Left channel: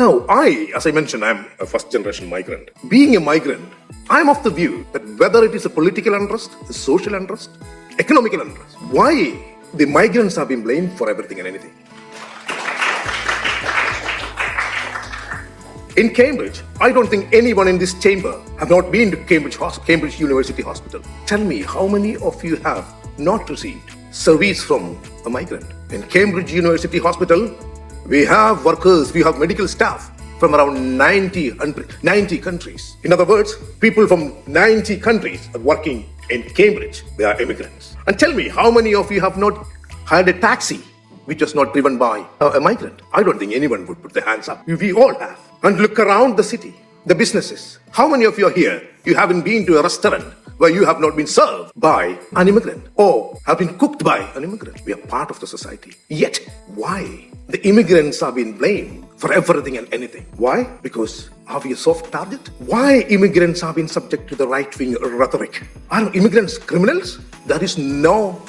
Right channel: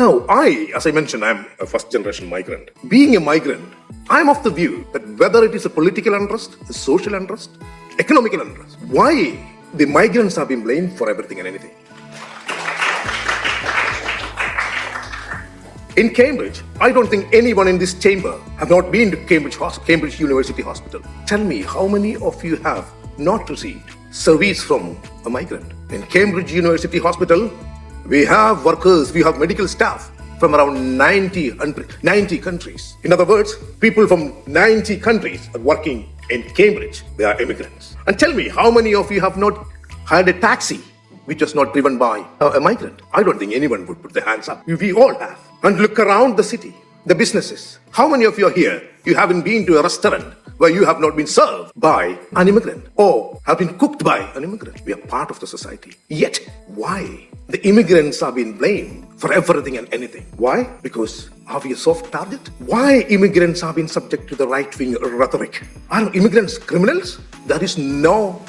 Now, as I mentioned, I'm a first-generation migrant. Being a migrant, I'm of the view that whether it is a political unrest, a social unrest, economical unrest, why the migrants have been blamed for everything and anything. In Cambridge, I don't think anyone in this chamber have not been to Cambridge University Hospital. Tell me, how many of you have not received service from a migrant? In Cambridge University Hospital, we have workers, we have medical staff from around 90 countries. In other words, people from 90 countries are working in Cambridge. They are immigrants. And tell me, how many of you have not had a taxi which was not driven by a migrant? I don't think anyone would put their hands up. We all have. And look around the city, the businesses. How many of you are here, you haven't been to a restaurant where you have not been served by an immigrant or have been cooked by an immigrant? We are part of the society. Yet, why the immigrants are being blamed for everything and anything? Why? Because are we a soft target? Why immigrants are being subject to the right-wing rhetoric? Are immigrants criminals? There is no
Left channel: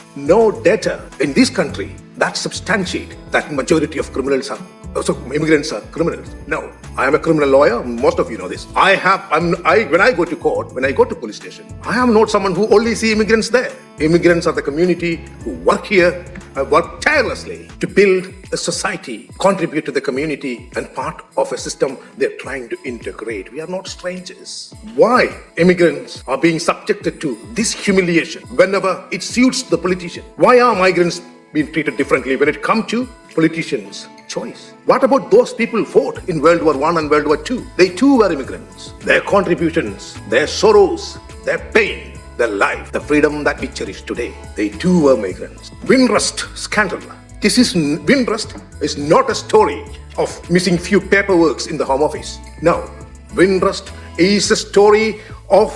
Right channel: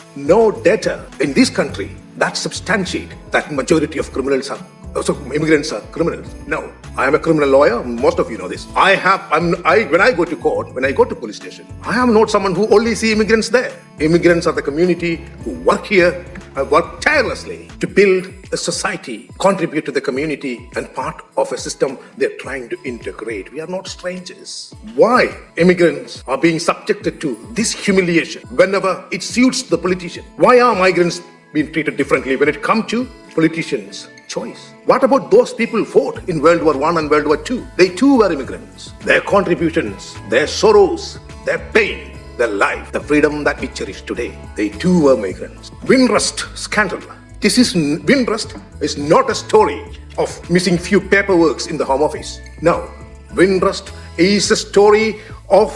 data in this country that substantiate that majority of criminals are. So immigrants are criminals. No, I am a criminal lawyer. Most of you know this. When I go to court, when I go to police station, I am not someone who only see immigrants there. Immigrants are the community who work here, work tirelessly to build a society, contribute to the community, and part of a system they're trying to integrate. We are not strangers. Why immigrants are being subjected to this humiliation whenever it suits the politician? Why are migrants being treated differently when it comes to politicians' choice? What about those people who fought in World War I and World War II? They too were immigrants. Their contributions, their sorrows, their pain, their life, the freedom that we cherish today, they too were migrants. Windrust scandal. Windrust is not a story of missing few paperworks in the Home Office. No, Windrust is a story of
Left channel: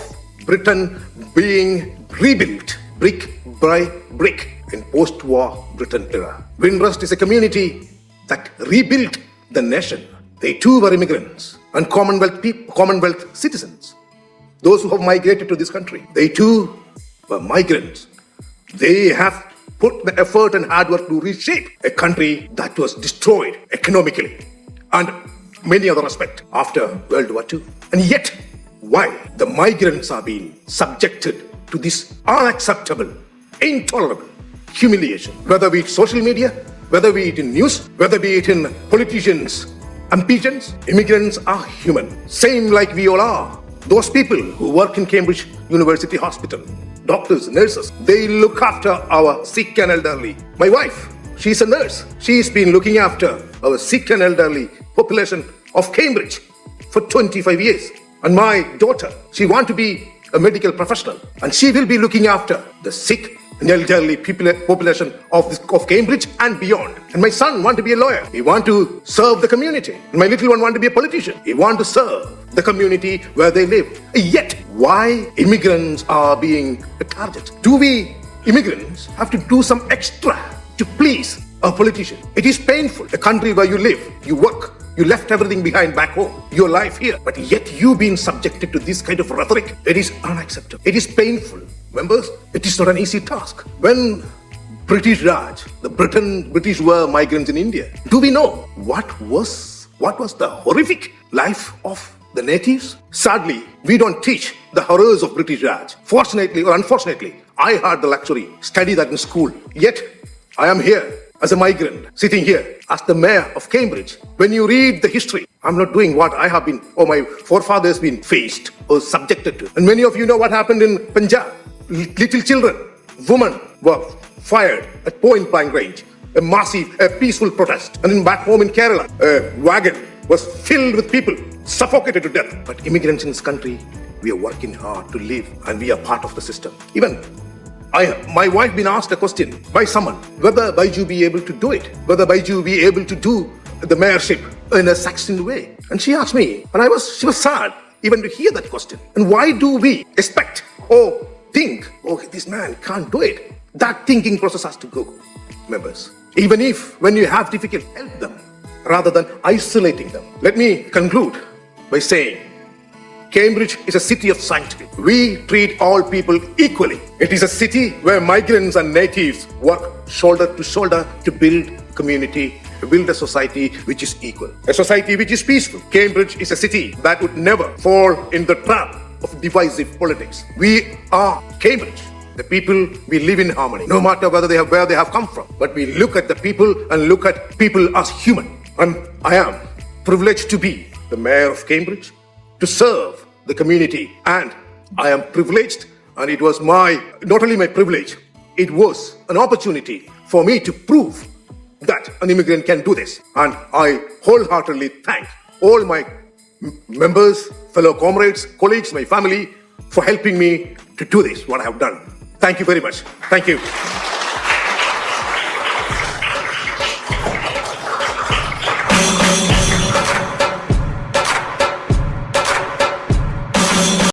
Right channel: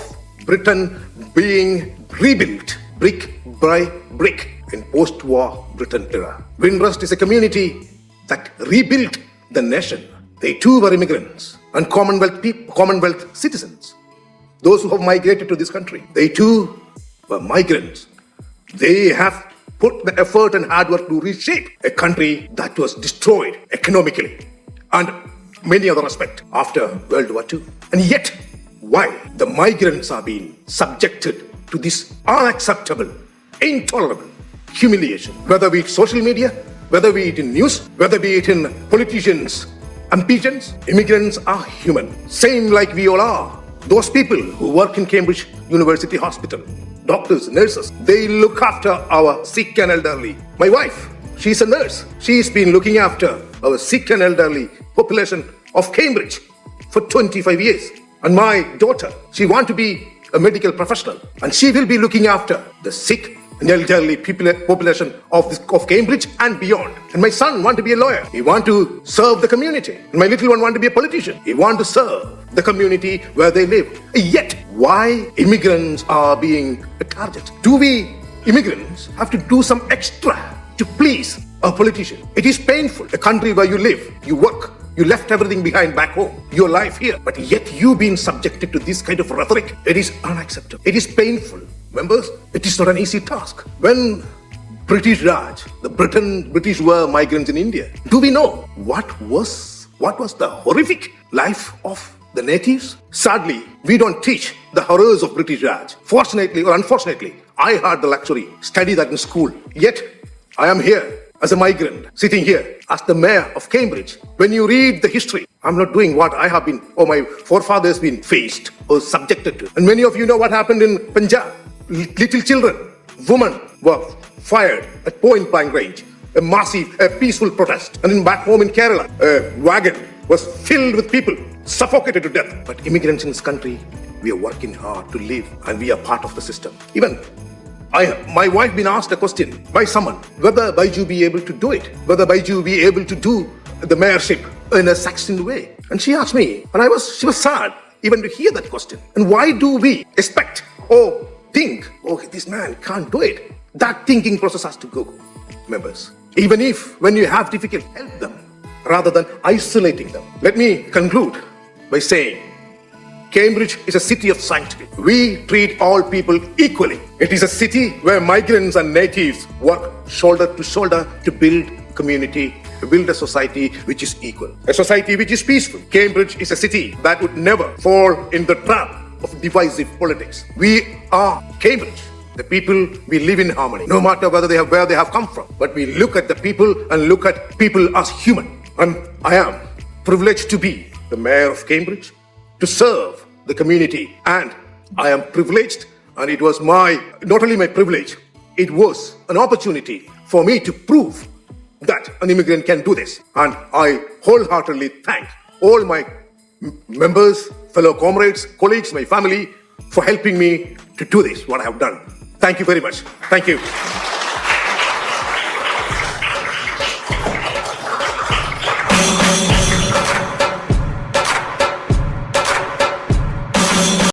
Britain being rebuilt brick by brick in post-war Britain era. Windrust is a community that rebuilt the nation. They too were immigrants and Commonwealth citizens. Those who have migrated to this country, they too were migrants. They have put the effort and hard work to reshape a country that was destroyed economically and many other aspects after World War II. And yet, why the migrants are being subjected to this unacceptable, intolerable humiliation? Whether be it social media, whether be it in news, whether be it in politicians and pigeons, immigrants are human, same like we all are. Those people who work in Cambridge University Hospital, doctors, nurses, they look after our sick and elderly. My wife, she's a nurse. She's been looking after our sick and elderly population of Cambridge for 25 years. And my daughter, she wants to be a medical professional, and she will be looking after the sick and elderly population of Cambridge and beyond. And my son wants to be a lawyer. He wants to serve the community. And my little one wants to be a politician. He wants to serve the community where they live. Yet, why immigrants are being a target? Do we immigrants have to do some extra to please our politician? It is painful. A country where you live, you work, you left everything behind back home, your life here, but yet you being subjected to this kind of rhetoric, it is unacceptable. It is painful. Members, it is not an easy task. When British Raj, the British were migrants in India, do we know what was the horrific life of the natives? Sadly, we don't teach the horrors of British Raj. Fortunately or unfortunately, I had the luxury study that in school. Yet, I am here as a migrant, sitting here as the mayor of Cambridge. When you read the history, I'm not doing what I have been, or my forefathers been faced or subjected to. And many of you know what happened in Punjab. Little children, women were fired at point blank range. A peaceful protest. And back home in Kerala, a wagon was filled with people, suffocated to death. But immigrants in this country, we are working hard to live, and we are part of the system. Even my wife been asked a question by someone whether Baiju be able to do it, whether Baiju be able to do the mayorship in a succinct way. And she asked me, and she was sad even to hear that question. And why do we expect or think, this man can't do it? That thinking process has to go, members. Even if when you have difficulty, help them rather than isolating them. Let me conclude by saying, Cambridge is a city of sanctity. We treat all people equally. It is a city where migrants and natives work shoulder to shoulder to build community to build a society which is equal, a society which is peaceful. Cambridge is a city that would never fall in the trap of divisive politics. We are Cambridge. The people, we live in harmony, no matter where they have come from. But we look at the people and look at people as human. And I am privileged to be the mayor of Cambridge, to serve the community. And I am privileged, and it was not only my privilege, it was an opportunity for me to prove that an immigrant can do this. And I wholeheartedly thank all my members, fellow comrades, colleagues, my family, for helping me to do this, what I have done. Thank you very much.